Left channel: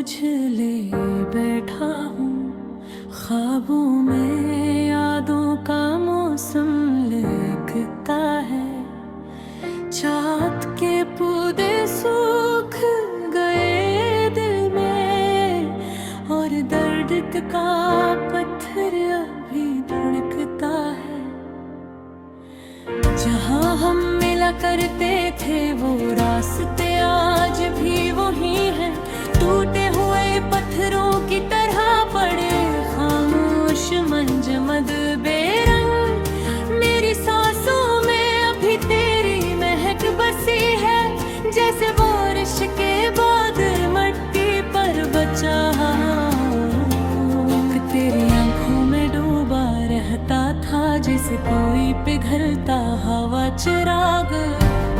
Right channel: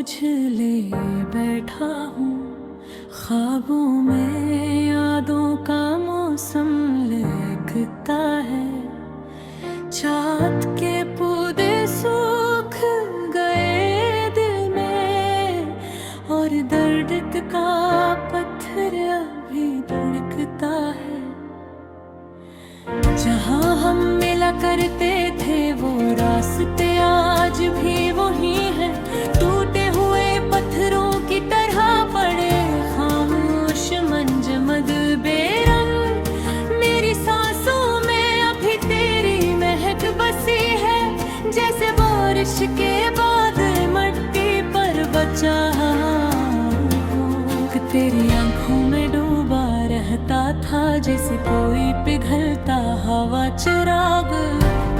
तुझ ले बैठा हूँ, ख्वाबों में यादों का मौसम लहकता है। चाँद के पौधे सूख गए दिल में, और दर्द का पत्थर अभी धड़कता है। जहाँ हम मिला करते थे वो रास्ते आज भी वही हैं, टूटे हुए पत्थरों की तरह पड़े खामोश मंजमद बेरंग। मेरी सांसों में अभी तेरी महक बसी है, जैसे बारिश के बाद मट्टी पर बचा तेरी आंखों में डूबा रहता था, जैसे कोई पिघलता हवा चिराग।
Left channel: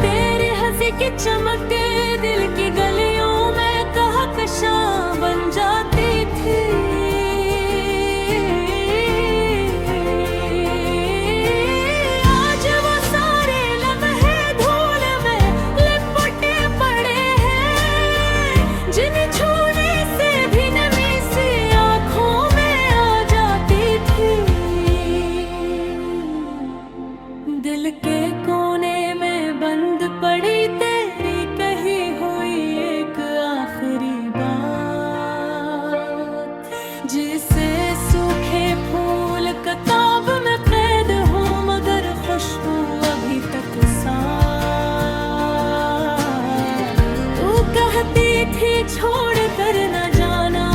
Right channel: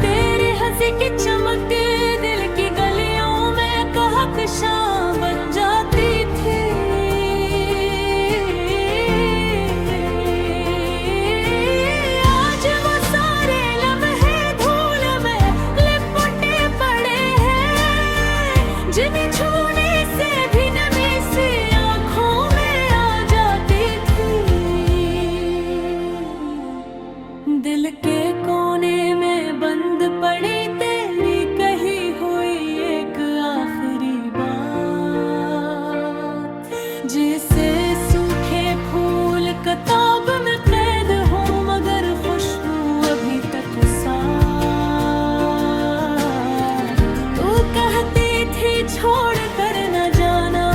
तेरी हंसी की चमक के दिल की गलियों में कहकशां बन जाती थी। आज वो सारे लम्हे धूल में लिपटे पड़े हैं, जिन्हें छूने से भी नमी सी आंखों में आ जाती थी। दिल के कोने में बंद पड़ी तेरी कही हुई एक आखिरी बात, जिसे सूखे फूल किताब में कैद हो, मगर खुशबू अभी तक साथ। तू कहती थी छोड़ कर न जाना,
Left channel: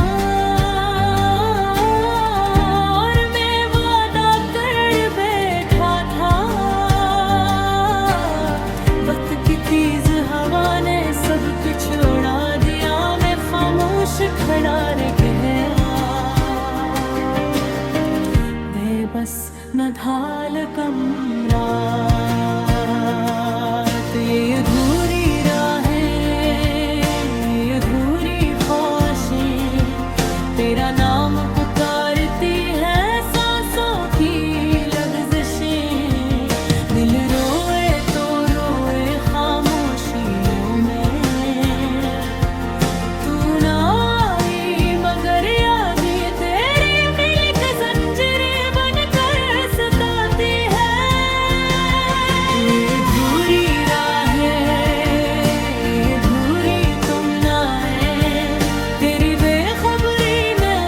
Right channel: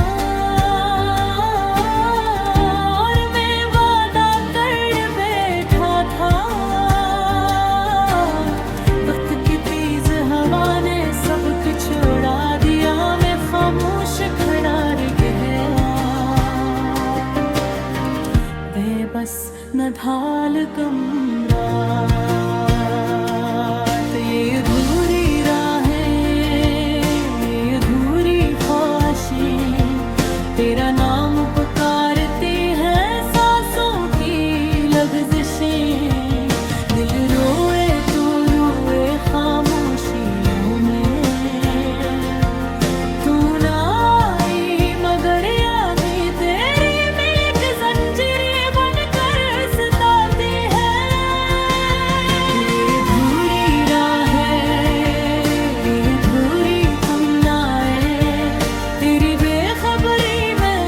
और मैं वादा कर बैठा था। वक्त की तेज हवा ने सब कुछ उड़ा दिया, मैं खामोश खड़ा रह गया। बेबस न ढाल कम रात, ये अधूरी राहें, ये अधूरी ख्वाहिशें, तेरा नाम पुकारती है सांसों की लग़ज़िशें। दिल रोए तो रोए खामोशियों में, तू ना आई मगर यादें तेरी मिलक जंजीरें बनकर सताती है। ये अधूरी राहें, ये अधूरी तुम ना आए, तेरी बेखबरी में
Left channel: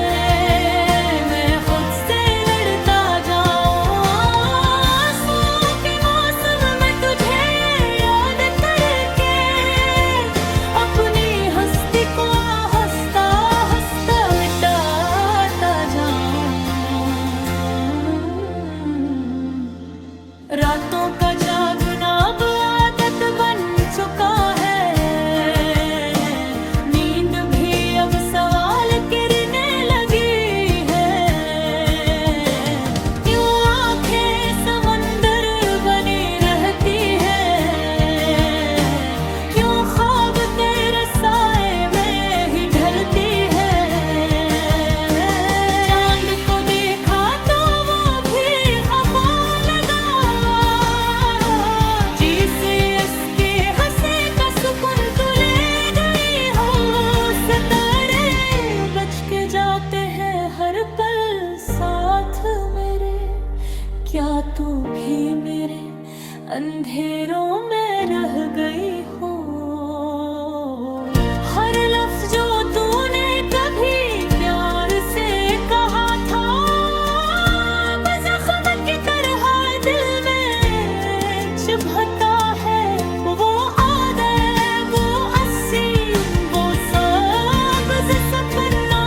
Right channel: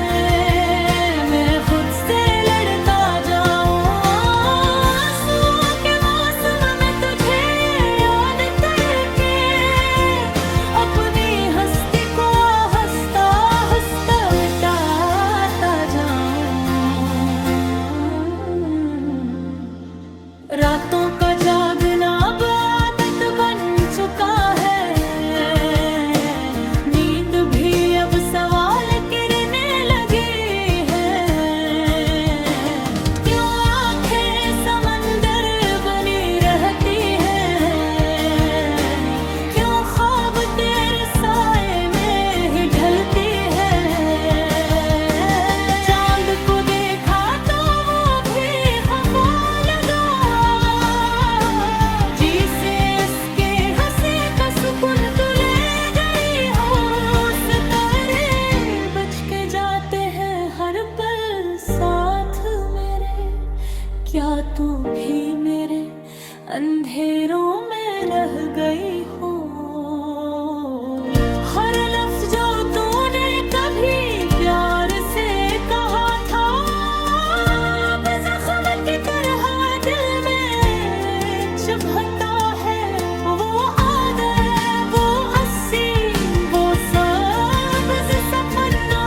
मैं खुद से लड़ता जाऊं। आंसुओं के मौसम में तुझे याद करके अपनी हस्ती को हंसता हंसता मिटाता जाऊं। रातों का जागना अब आदत बन चुका है, नींद भी अब सवाल करने लगी है। क्यों आंखें समंदर बनी रहती है, क्यों ख्वाब तेरे साए में ही ढलती है। चांद को देखा तो वो भी खफा लगा, जी से इसके हंसे का सुकून तू ले गई हो। सितारे बच के जाते हैं हर पल साथ मेरे, क्या तू भी मेरे अंधेरों में रह गई हो। हर लफ्ज जो तूने कभी प्यार से कहा था, अब जख्म की तरह दिल में चुभता है। वो आदत, वो अस्सी, वो सब्ज़ सपना,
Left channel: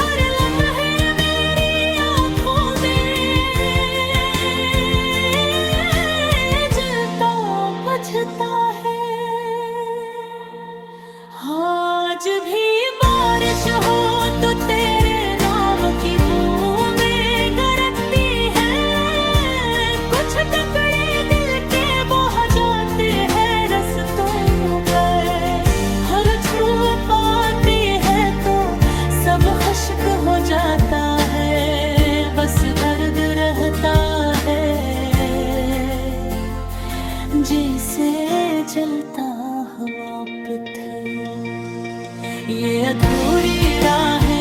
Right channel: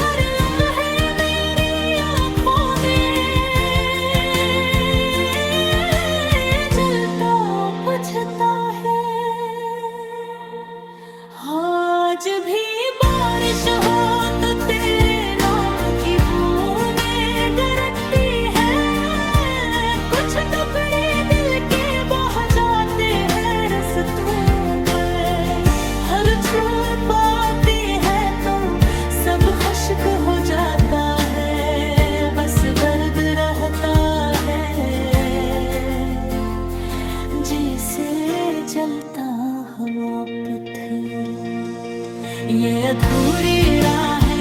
हर लम्हे मेरी आँखों में जलता बुझता है। आज भी बारिश हो तो तेरे नाम की बूंदें गरजती है, कुछ टुकड़े दिल के बह जाते हैं रस्तों पर। हर छू पाती है तो सब खश्क हो जाता है, बस दर्द रहता है। जैसे जलता हवा पत्थर, ये अधूरी राहें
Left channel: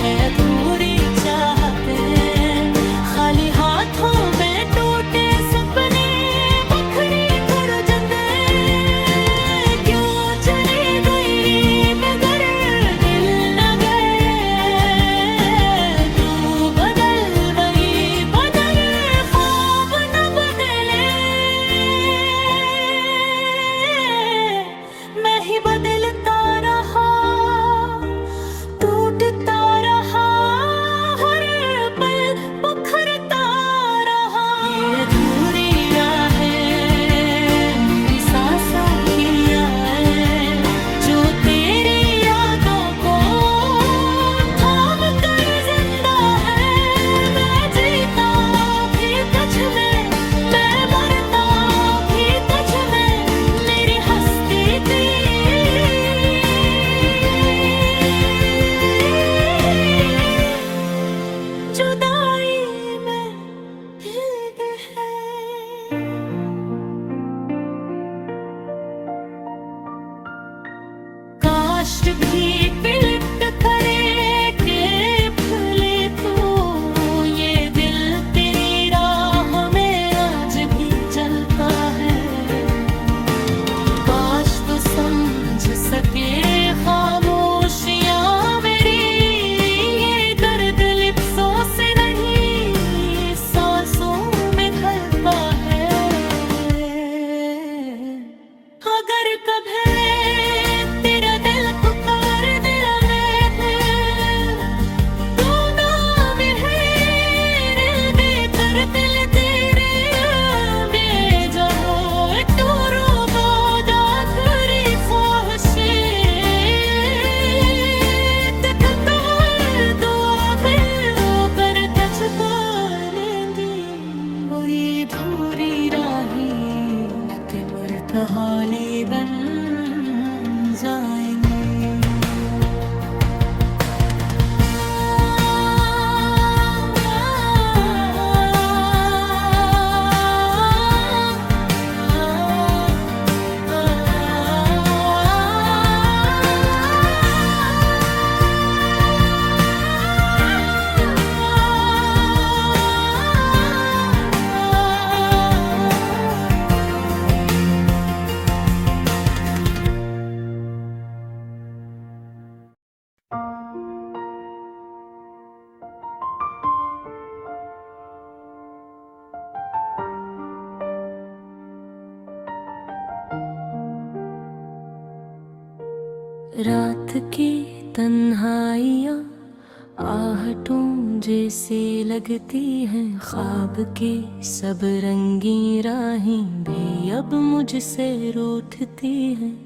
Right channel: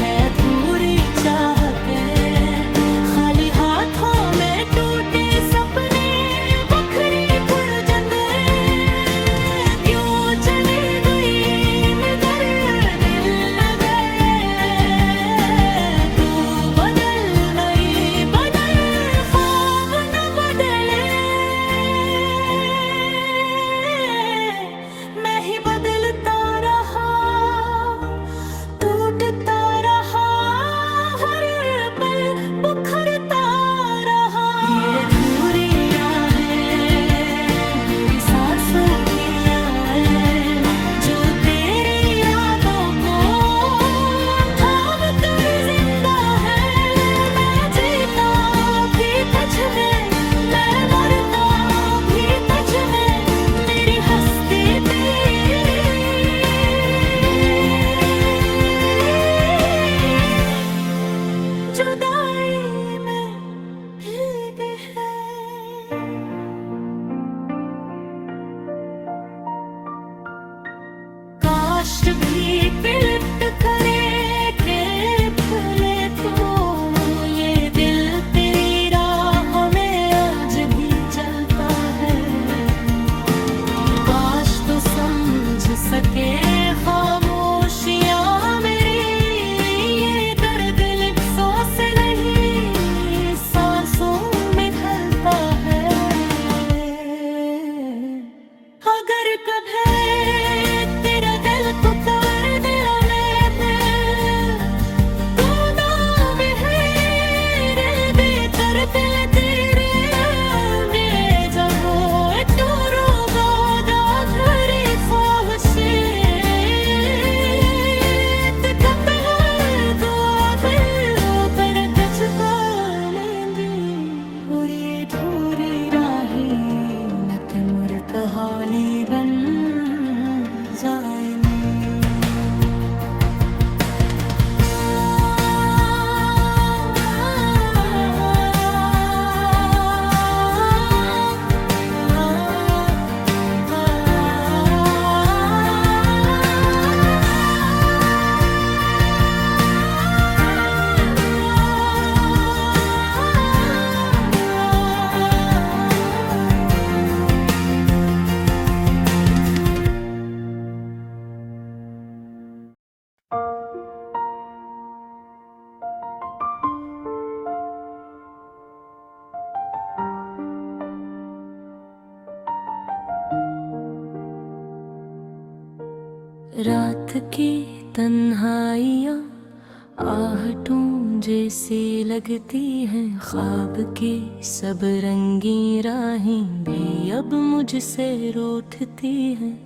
है, अधूरी चाहतें, खाली हाथों में टूटे सपने, बखरी गुरजंदे। क्यों चली गई मगर दिल न गए, तू बदल मई बदल, ख्वाब न बदले, मैं ही बदलता रहा, टूटता रहा, हर पल बुखरता रहा। ये अधूरी राहें मेरी सांसों की आए, जो तेरी यादों को थाम कर जिंदा है। मैं जीता भी तुझ में, मैं मरता भी तुझ में, मेरी हस्ती थी जुदाई में भीग है। काश भी पिलट करे के भले तो, ये दिल तेरी राह में आज भी जलता है। काश तो समझ सके खामोशियां मेरी, ये दर्द लिप्सों से नहीं सांसों में ढलता है। अगर कभी तेरा दिल पुकार दिल में, तू नाम है दिल कर दिल तेरे बेजब हो, तू रोगा दाधुरी ख्वाहिशे, तक तो दुआ फिर कर कच पालेंदी। और ये धूरी राही न तिमर कहाली बन जाएंगे। रात की तन्हाइयाँ आहटों जैसी लगती हैं, ख्वाब की सब रंगी राहें भी अब मुझसे रूठती हैं।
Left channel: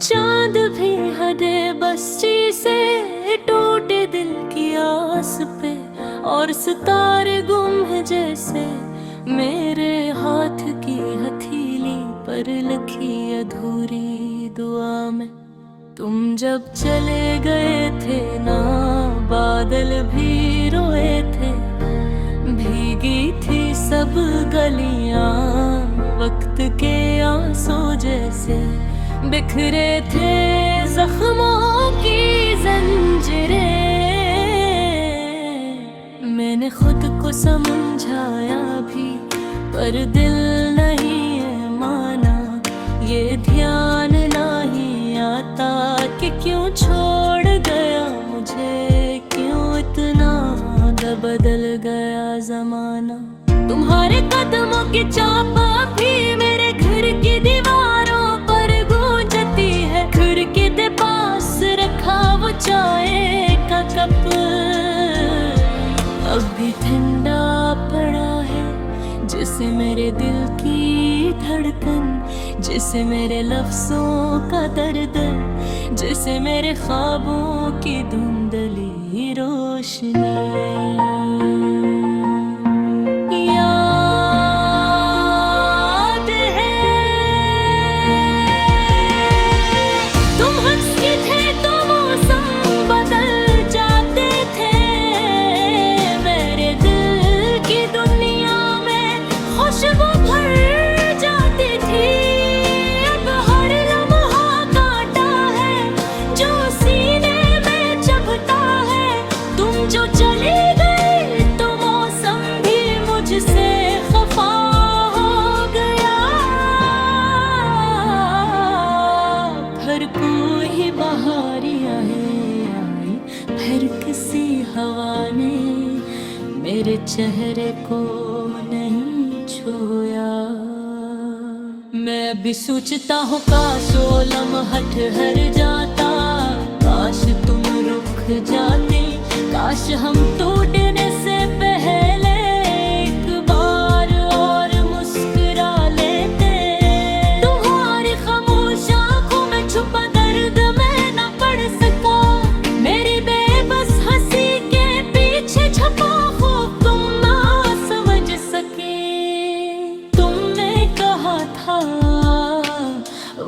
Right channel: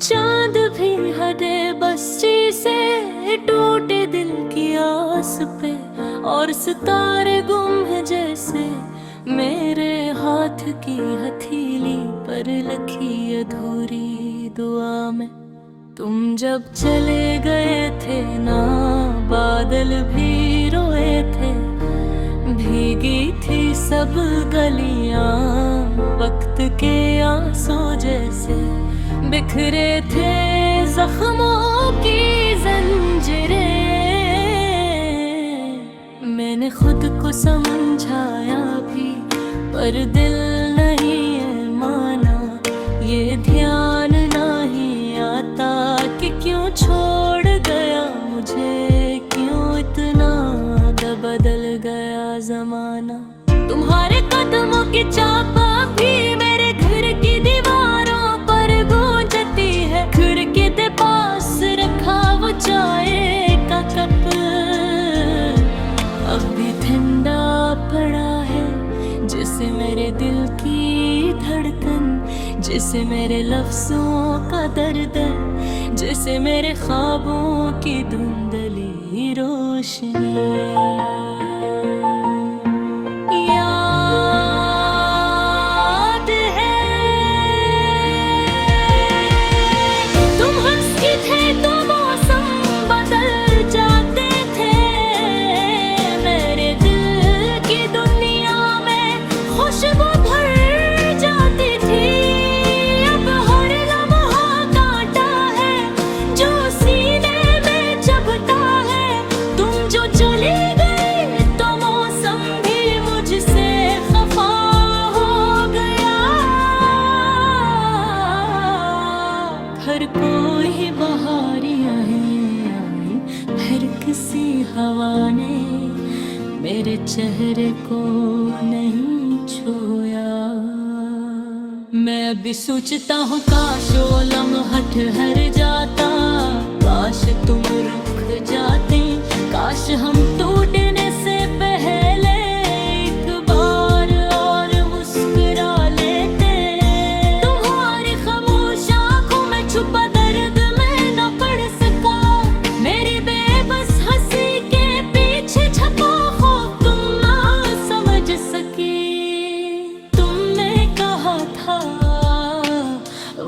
चांद भी हदे बस्ती से टूटे दिल की आस पे, और सितारे गुम है जैसे मेरे हाथ की हथेली पर लखी अधूरी दुआ में। तुम जब चले गए थे ना बादल भी रोए थे, भीगी थी सब गलियां वक्त के आंसू जैसे, बिखरे थे जख्मों की जंजीरें। मैंने खुद को समझाया भी पर दिल नहीं है माना, ये ध्यान नहीं आता कि क्यों छोड़ गया मुझे, क्यों इतना बदल गया जमाना। तुम्हारे कदमों की चाप भी मेरे घर की दीवारों पर गूंजती है, खिड़की के पास रखा वो चाय का कप अब भी ठंडा पड़ा है, जिसे मेरे दिल की धड़कन, जिसे मेरे लफ्जों का दर्द, जिसे मेरे ख्वाबों की धुंधली रोशनी याद है। तुम हंस के थे तो मौसम बदल जाते थे, मेरे दिल की दुनिया में खुशबू भर जाती थी। अब हर लम्हा कांटा ही बहारियाँ आई, फिर किसी हवा ने मेरे चेहरे को नहीं छुआ। मैं अभी सोचता हूँ काश वो लम्हा ठहर जाता, काश तुम रुक जाते, काश हम टूटने से पहले एक बार और मुस्कुरा लेते। तुम्हारी खामोश आंखों में छुपा दर्द मैं न पढ़ सका, मेरी बेबस हंसी के पीछे छपा खौफ तुम ना समझ सके। तुमने कहा था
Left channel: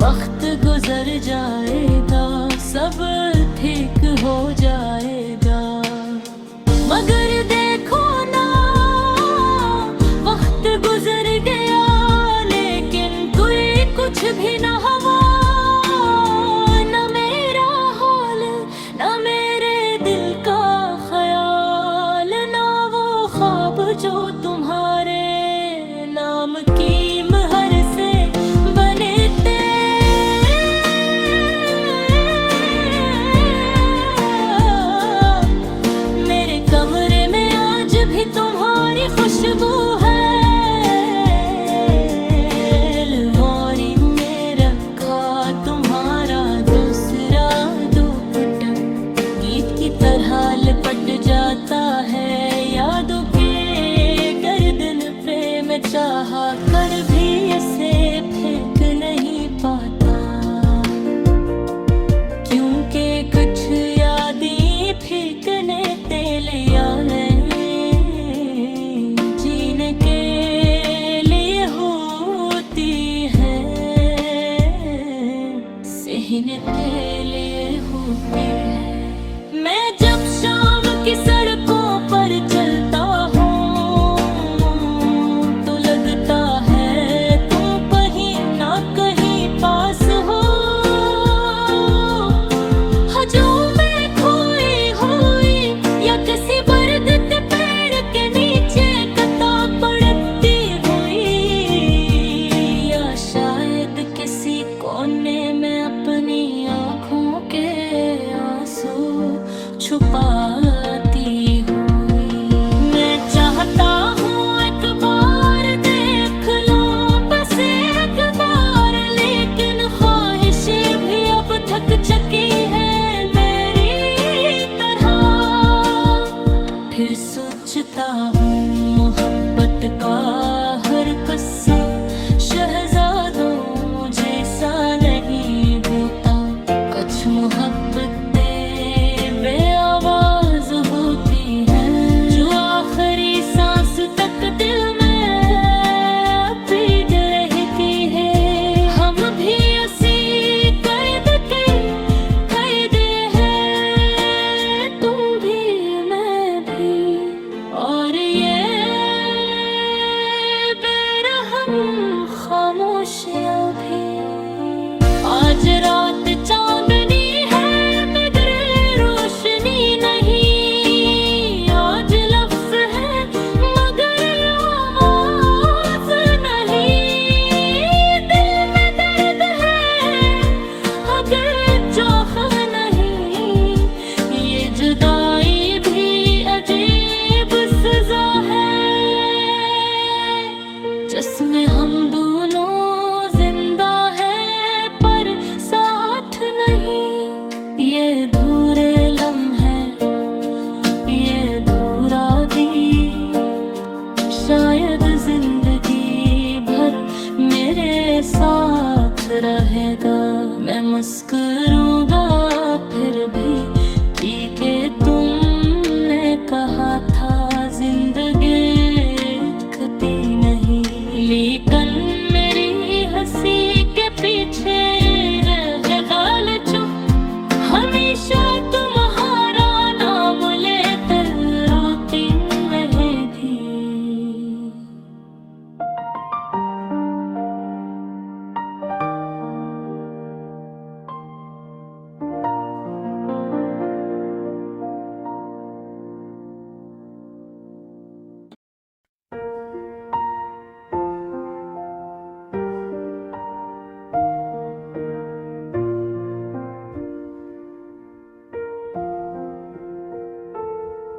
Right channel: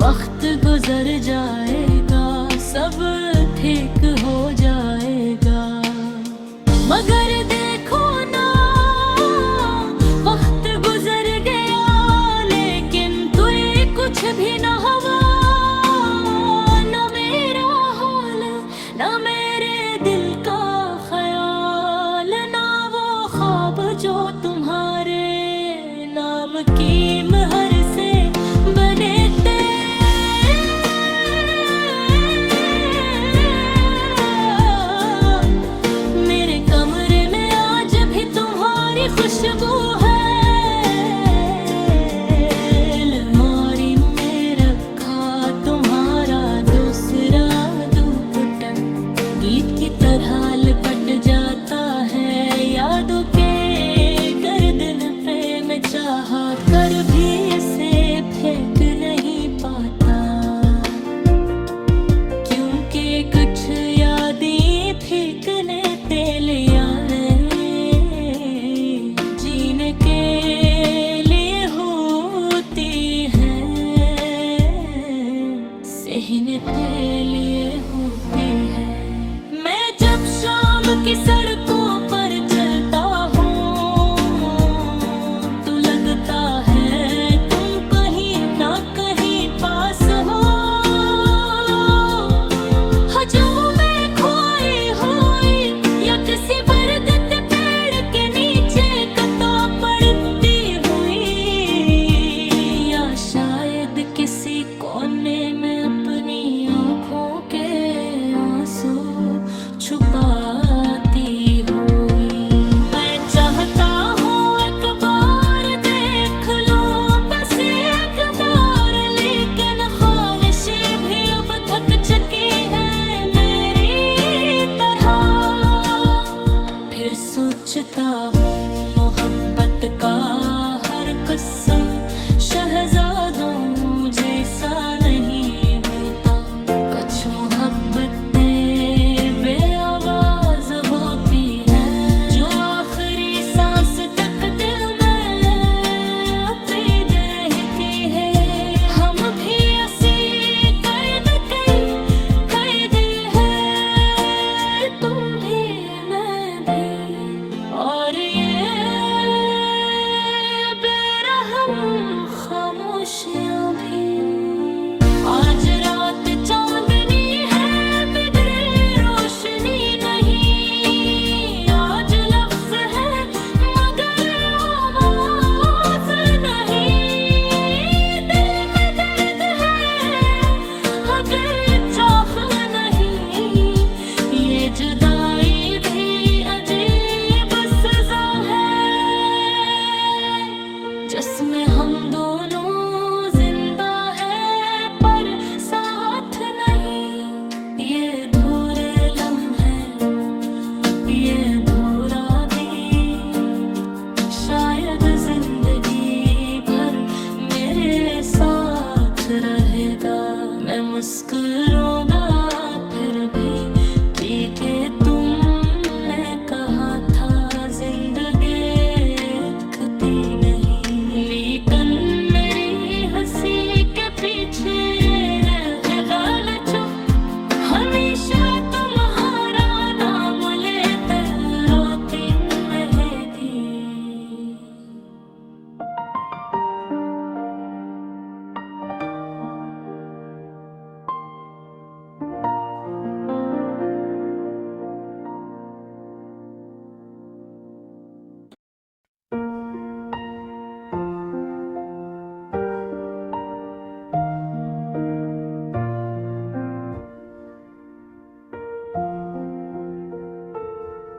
वक्त गुजर जाएगा, सब ठीक हो जाएगा, मगर देखो ना वक्त गुजर गया, लेकिन कोई कुछ भी ना हुआ। न मेरा हाल, न मेरे दिल का ख्याल, ना वो ख्वाब जो तुम्हारे नाम की महर से बने थे। मेरे कमरे में आज भी तुम्हारी खुशबू है, अलमारी में रखा तुम्हारा दूसरा दुपट्टा, गीत की तरह लिपट जाता है यादों के गर्दन पे। मैं चाहा कर भी इसे फेंक नहीं पाता, क्योंकि कुछ यादें फेंकने लिया नहीं, जीने के लिए होती है, सहने के लिए होती है। मैं जब शाम की सड़कों पर चलता हूँ तो लगता है तुम कहीं ना कहीं पास हो, जो मैं खोई हुई या किसी बरगद पेड़ के नीचे कता पड़ती हुई, या शायद किसी कोने में अपनी आँखों के आंसू छुपाती हुई। मैं चाहता हूँ एक बार देख लूं, बस एक बार, लेकिन ख्वाहिशें भी अब थक चुकी है मेरी तरह। फिर सोचता हूँ मोहब्बत का हर किस्सा शहजादों जैसा नहीं होता, कुछ मोहब्बतें बेआवाज होती हैं, जो आखिरी सांस तक दिल में पीद रहती है। हम भी ऐसी कैद है, तुम भी मैं भी, और ये बेरहम खामोशियाँ भी। आज रात चांदनी है, मैं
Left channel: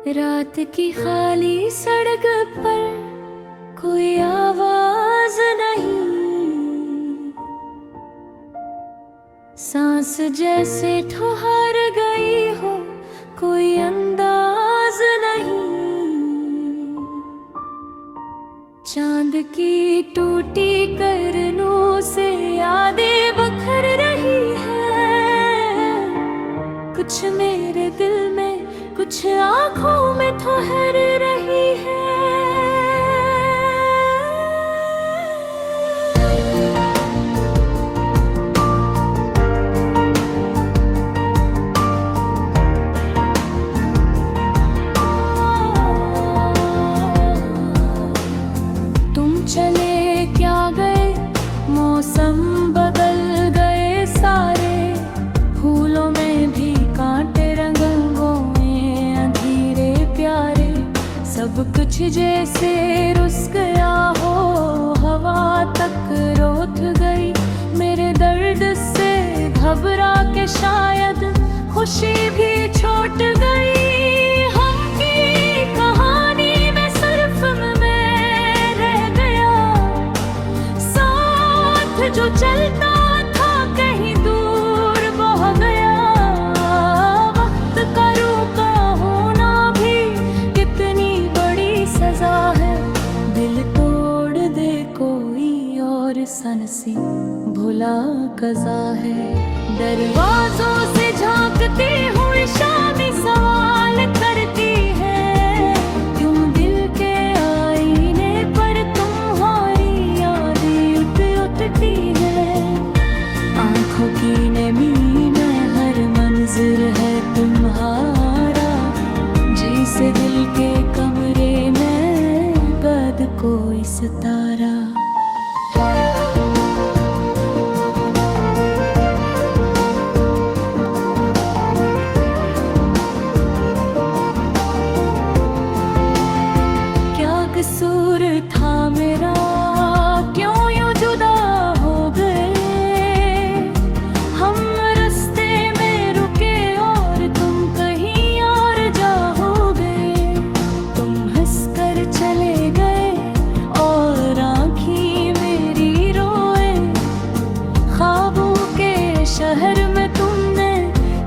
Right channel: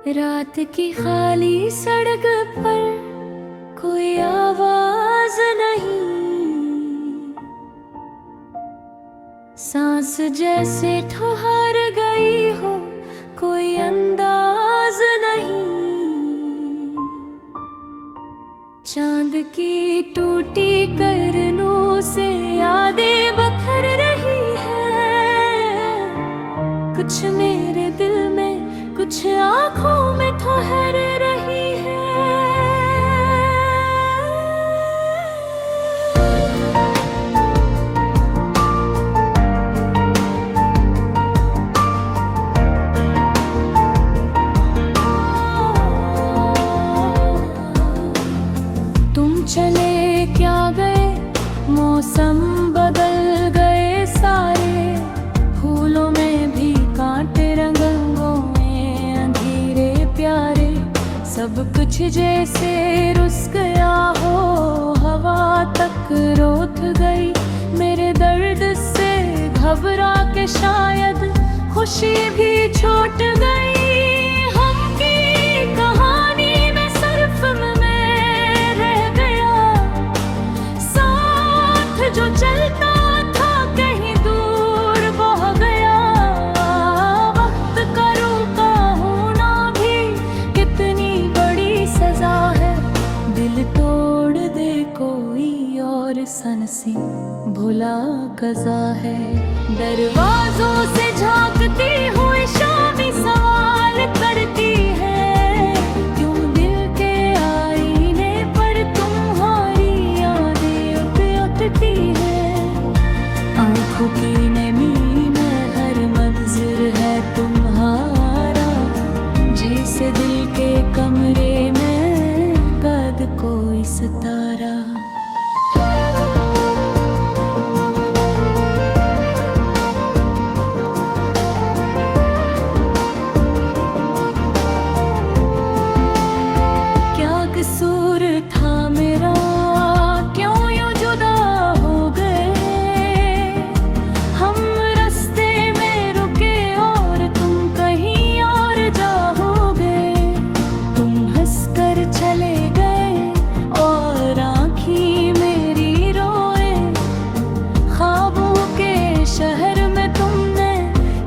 रात की खाली सड़क पर कोई आवाज नहीं, सांस जैसे ठहर गई हो, कोई अंदाज नहीं। चांद की टूटी करनों से यादें बखर रही है, कुछ मेरे दिल में, कुछ आँखों में ठहर रही है। तुम चले क्या गए, मौसम बदल गए सारे, फूलों में भी कांटे, रंगों में अंधेरे प्यारे, सब कुछ जैसे रुस गया हो, हवा तक रोक गई मेरे दर्द से घबरा के, शायद खुशी भी छूट गई। हम की कहानी में सिर्फ मैं रह गया, साथ जो चलता था कहीं दूर बह गया। वक्त का रुका होना भी कितनी बड़ी सजा है, दिल तोड़ दे कोई और सनसी भुला कज़ा है। दरवाजों से झांकती हुई शामी सवाल करती है, क्यों दिल के आईने पर तुम्हारी यादें उठती है। आंखों की नमी में हर मंजर है तुम्हारा, जैसे दिल के कमरे में कद कोई सितारा। क्या कसूर था मेरा, क्यों यूं जुदा हो गए। हम रास्ते में रुके और तुम कहीं और जाओगे। तुम हंसकर चले गए और आँखें मेरी रोए, ख्वाबों के शहर में तुमने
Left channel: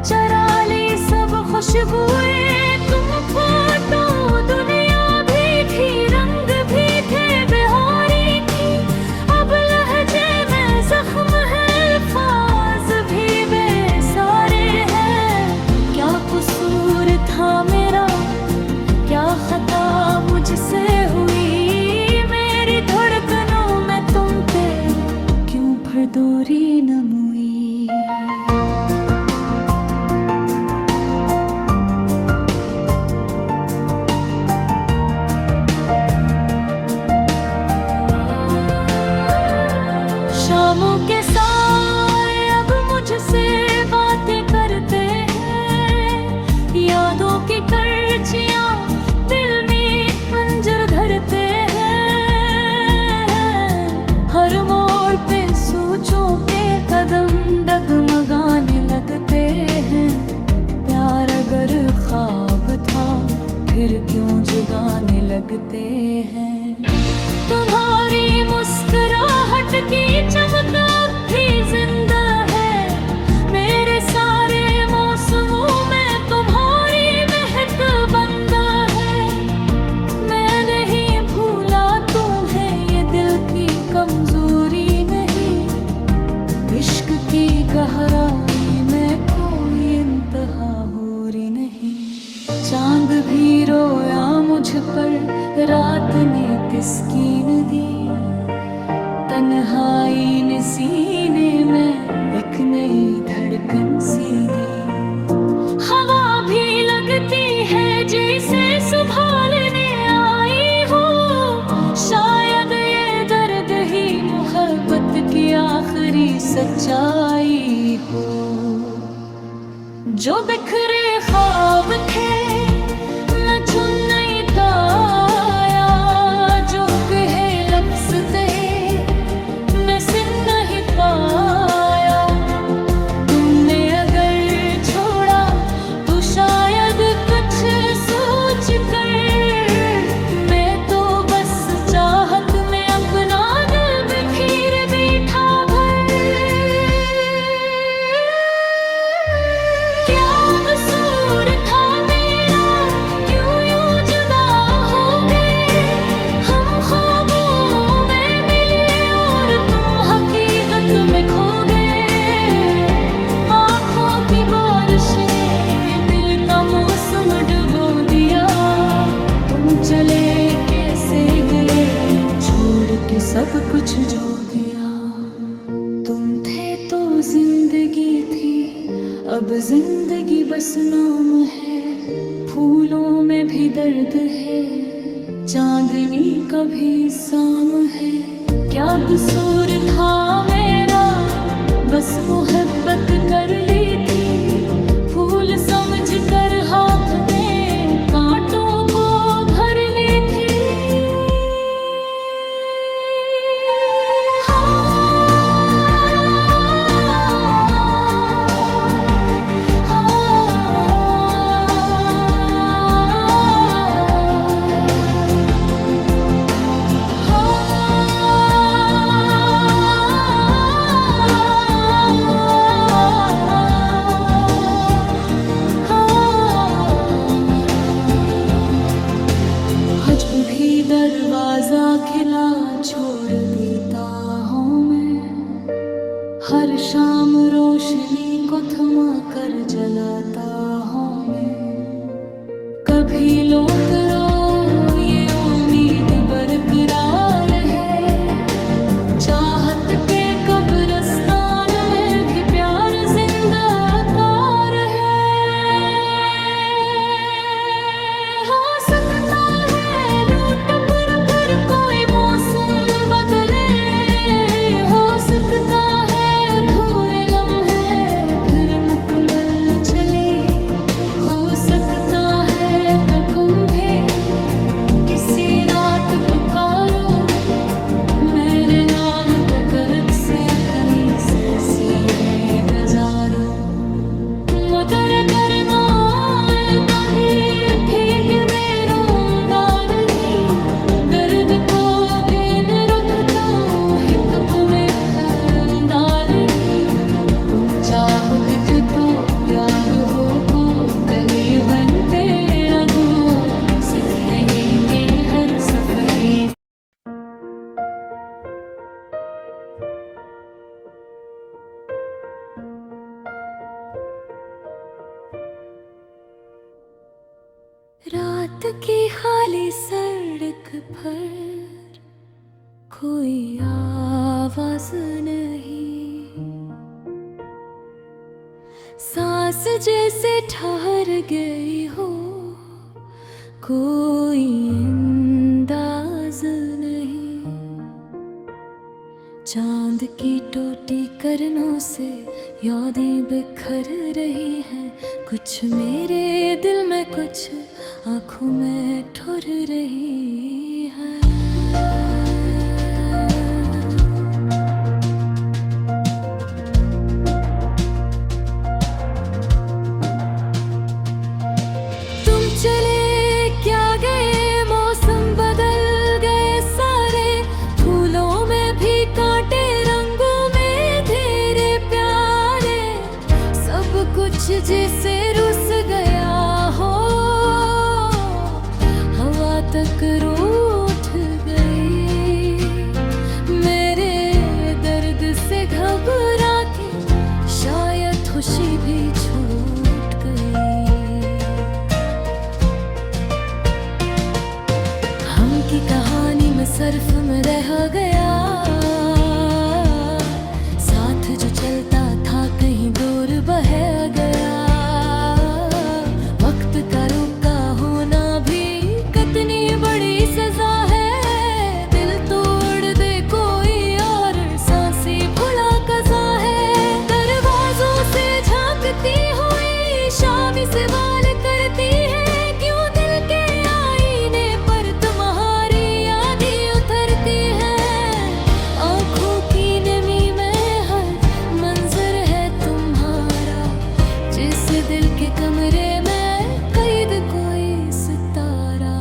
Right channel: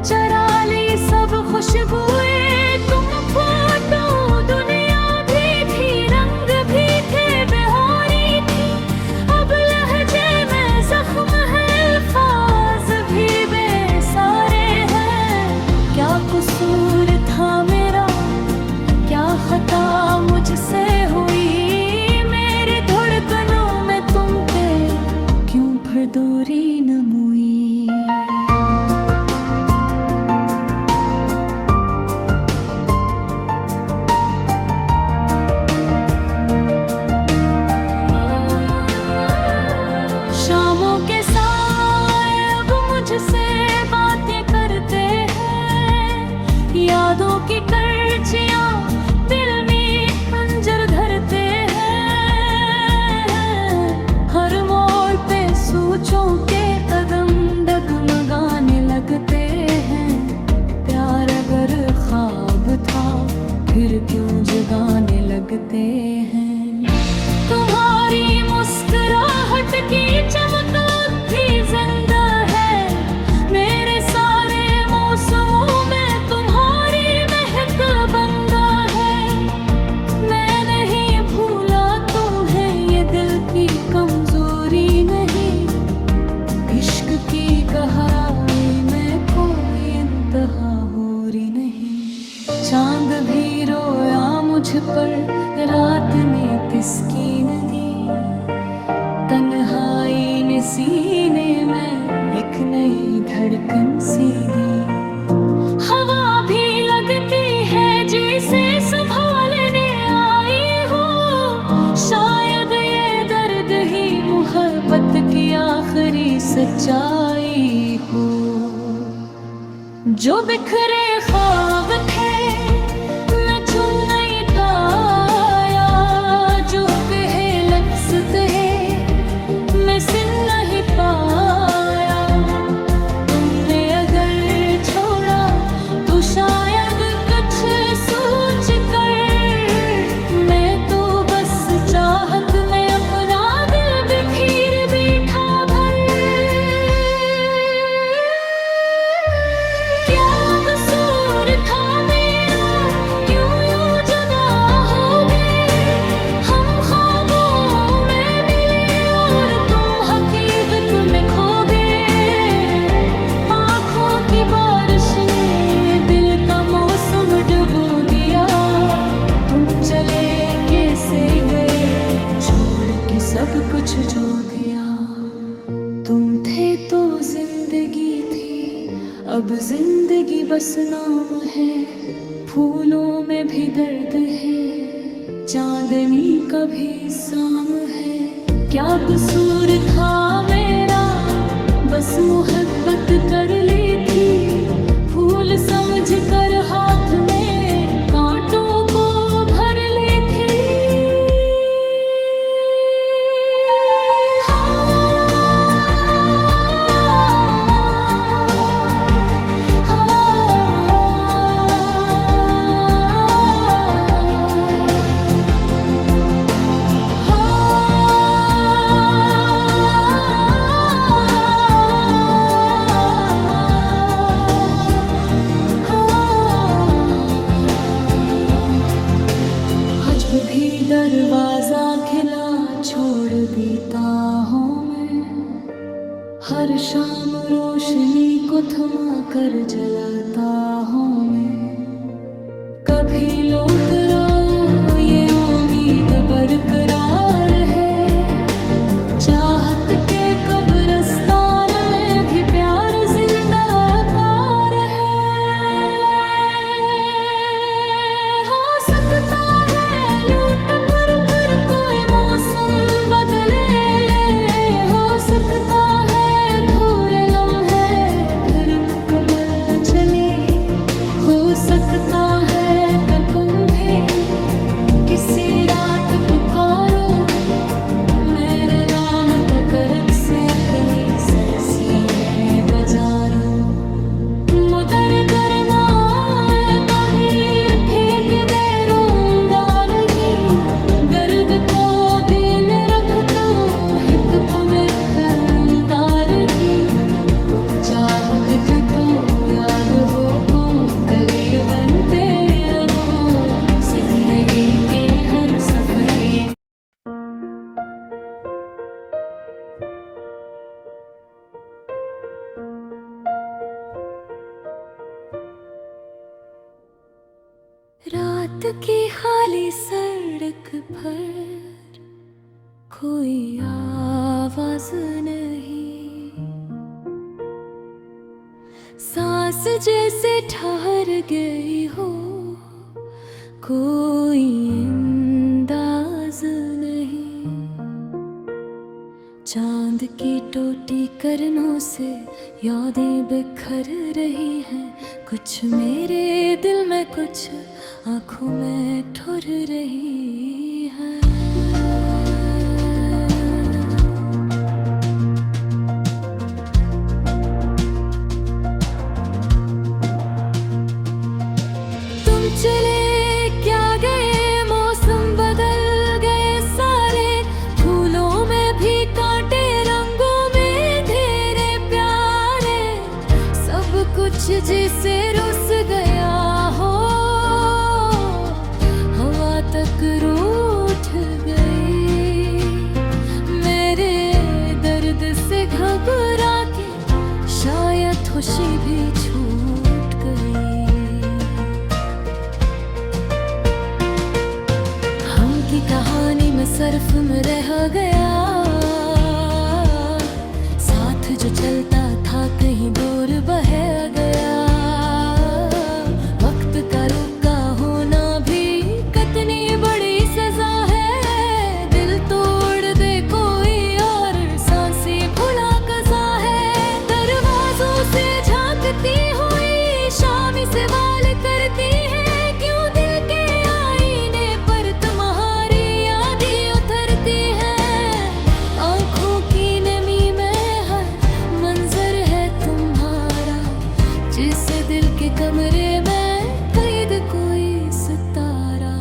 चरा ली सब खुशबुएं। तुम फोटो दुनिया भी थी, रंग भी थे, बेहोरी थी, अब लहजे में जख्म है, अल्फाज भी बेसारे हैं। क्या कसूर था मेरा, क्या खता मुझसे हुई, मेरी धड़कनों में तुम थे, क्यों फिर दूरी न मुई। शामों के साए अब मुझसे बातें करते हैं, यादों की करचियां दिल में मंजर धरते हैं। हर मोड़ पे सोचों के कदम डगमगाने लगते हैं। प्यार अगर ख्वाब था फिर क्यों जगाने लगते हैं। तुम्हारी मुस्कुराहट की चमक भी जिंदा है, मेरे सारे मौसमों में तुम्हारी महक बंदा है। मैं नहीं भूला तुम्हें, ये दिल की कमजोरी नहीं, इश्क की गहराई में कोई इंतहा होरी नहीं। चांद भी रोया मुझ पर, रात ने तिस्कीन दी, तन्हाई ने सीने में एक नई धड़कन सी दी। हवा भी लगती है जैसे संभालने आई हो, शायद ये दर्द ही मोहब्बत की आखिरी सच्चाई हो। जो बिखरे ख्वाब थे न चुन नहीं पाया, जो कहे लफ्ज़ थे मैं सुन नहीं पाया। तुमने अगर छोड़ा तो शायद कुछ सोच सब कुछ जो दिया। तुम थे तो जिंदगी थी, अब जिंदगी बस नाम है। फूलों में भी दर्द है, चांदनी का भी शाम है। क्या कसूर था मेरा, बस मोहब्बत कर ली थी। फूल समझ कर हाथ में कांटों को भर ली थी। जब भी दरवाजा खिला छोड़ देता हूँ मैं। हर शाम रोशनी को थमा कर जलाता हूँ मैं। कभी लौट रो ये उम्मीद बरकरार है। चाहत के कब्रिस्तान में भी प्यार जिंदा तार है। हो सकता है लूट पर कोई मौसम बदले। हो सकता है अधूरे लम्हे फिर मुकम्मल चले। हो सकता है ककुंभे किसी रात पुकारो मेरे नाम पे करक से इतनी सरसी है गजारो। मुदर करना है कबीर फेंक दे रूंगा नहीं। गर्द को देने रख तो हिप में अंदार की। तू चाहत तो याद हो को कली बनते रबू। सिर में एक हर सफहे। रात की खाली सड़क पर कोई आवाज नहीं। सांस जैसे ठहर गई हो, कोई अंदाज नहीं। चांद की टोटी करनों से यादें बिखर रही हैं। कुछ मेरे दिल में, कुछ आंखों में ठुर रही है। तुम चले क्या गए, मौसम बदल गए सारे। फूलों में भी कांटे, रंगों में तेरे प्यारे। सब कुछ जिसे रुस गया हो, हवा तक रूठ गई। मेरे दर्द से घबरा के शायद खुशी भी छूट गई। हम की कहानी में सर्फ में रह गया। साथ जो चलता था कहीं दूर बह गया। वक्त का रुका होना भी कितनी बड़ी सजा है। दिल तोड़ दे कोई और सांसें भुला कज़ा है। दरवाजों से झांकती हुई शाम सवाल करती है। क्यों दिल के आईने पर तुम्हारी यादें उतरती है। आंखों की नमी में हर मंजर है तुम्हारा। जिस दिल के कमरे में कैद कोई सितारा।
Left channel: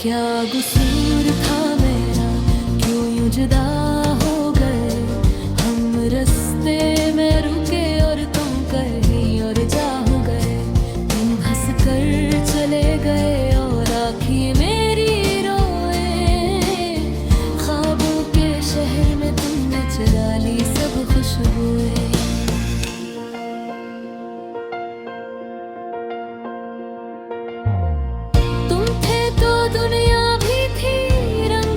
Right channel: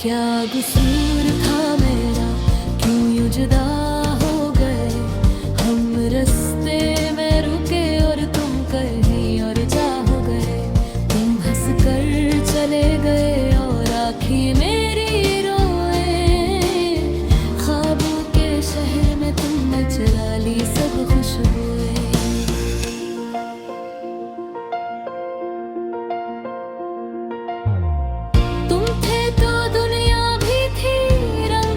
क्या कसूर था मेरा, क्यों यूं जुदा हो गए। हम रास्ते में रुके और तुम कहीं और जा हो गए। तुम हंस कर चले गए और आँखें मेरी रोए। ख्वाबों के शहर में तुमने चुरा ली सब खुशबुएं। तुम थे तो दुनिया भी थी, रंग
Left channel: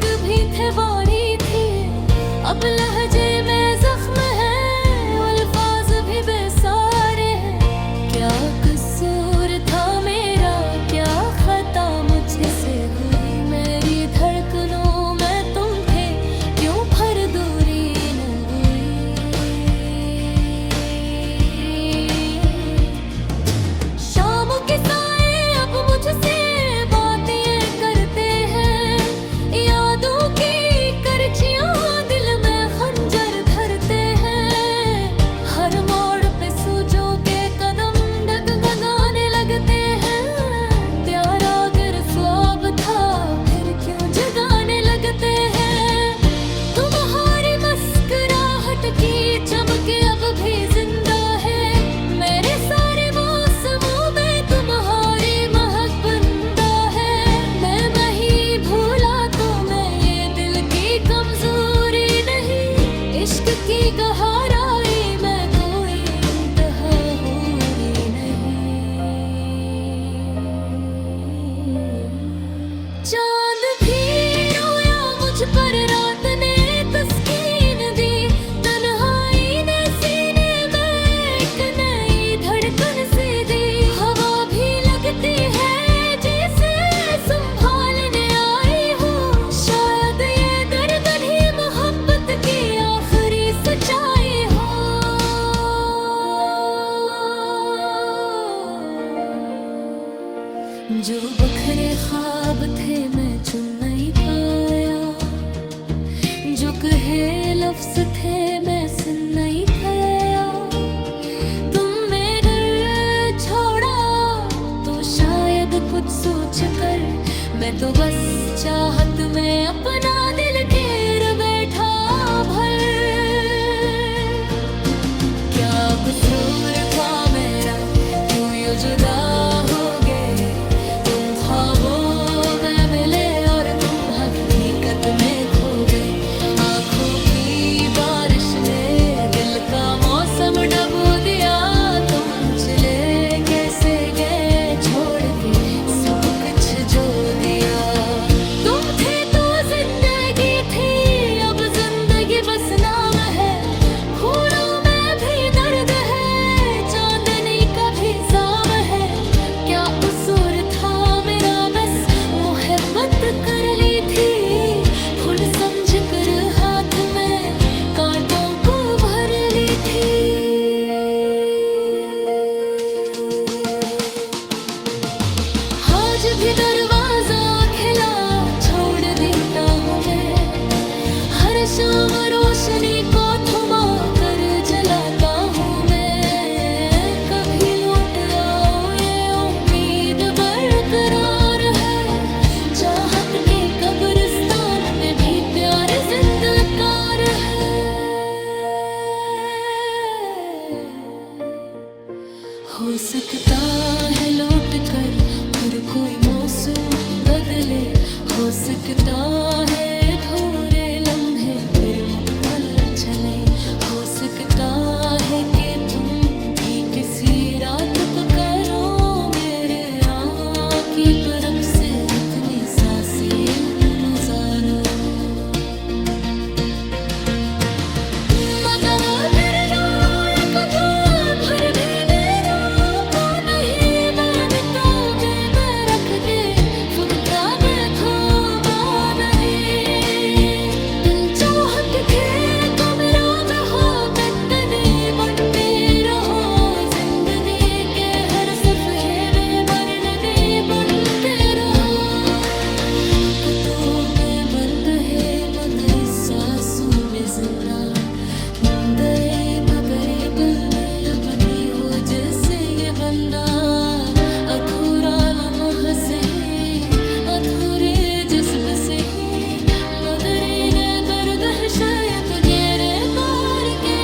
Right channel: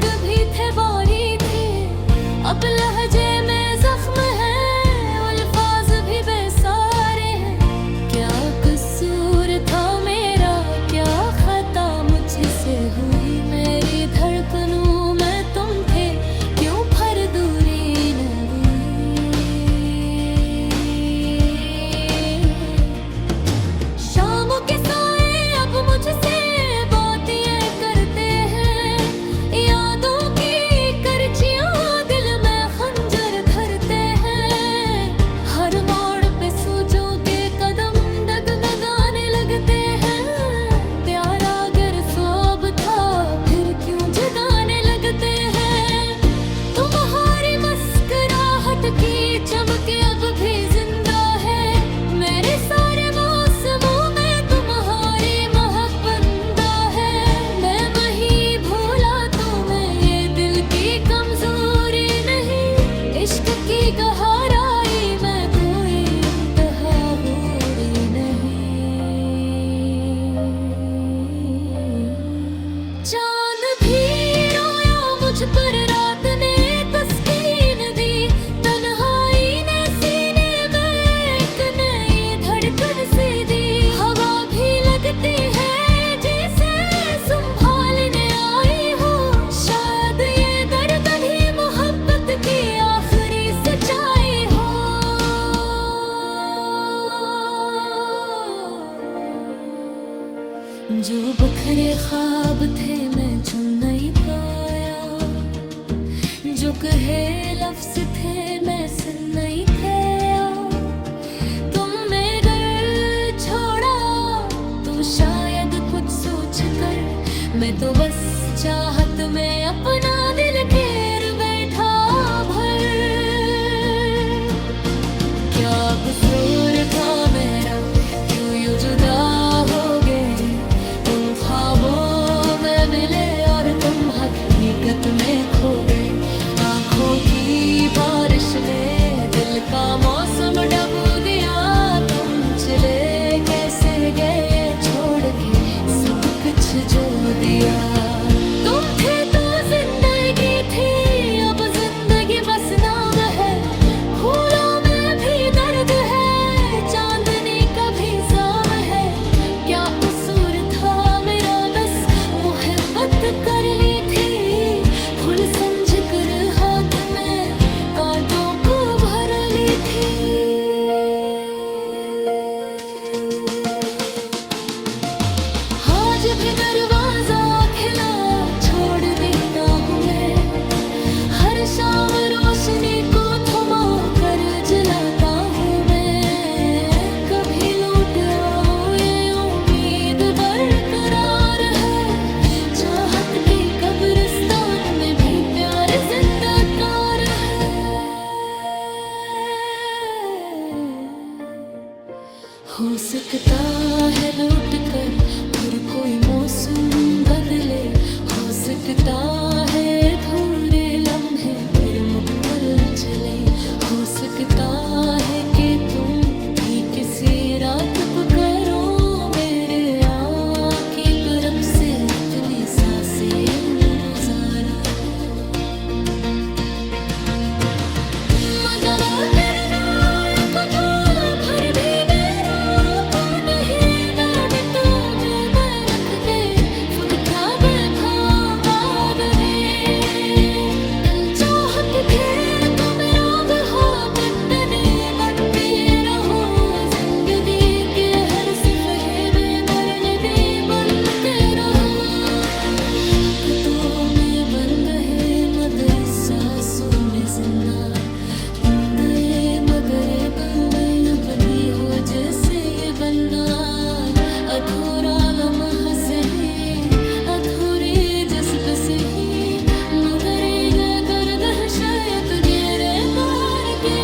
जो बखरे ख्वाब थे मैं चुन नहीं पाया, जो कहे लफ्ज थे मैं सुन नहीं पाया। तुमने घर छोड़ा तो शायद कुछ सोच कर, मैं तो बस चाहत में अपना दिल घेर बैठा भर। क्या कसूर था मेरा, क्यों यूं जुदा हो गए? तुम ख्वाबों में मिले और तुम हकीकत में खो गए। आंखों की बारिश ने दिल का मौसम डबो दिया। तुम चले कैसे गए छोड़ के सब कुछ जो दिया। तुम थे तो जिंदगी थी, अब जिंदगी बस नाम है। फूलों में भी दर्द है, चांदनी का भी जाम है। क्या कसूर था मेरा, बस मोहब्बत कर ली थी। फूल समझ कर हाथ में कांटों को भर ली थी। आज भी दरवाजा खिला छोड़ देता हूँ मैं। हर शाम रोशनी को थमा कर जलाता हूँ मैं। कभी लौट आओ ये उम्मीद बरकरार है। चाहत के कब्रिस्तान में भी प्यार जिंदकार है। हो सकता है लौट कर फिर कोई मौसम बदले। हो सकता है अधूरे लम्हे फिर मुकम्मल चले। हो सकता है कि तुम भी किसी रात पुकारो मेरे आँखी तरफ से इतनी सांसें गुजारो। मगर सांसों में जिंदा दरे मगरे दिल में लपटी हो जैसे ये बंदा। अधूरा लम्हा से ही, अधूरे जज्ब से ही, मगर ये दर्द है शायद गिरफ्तार के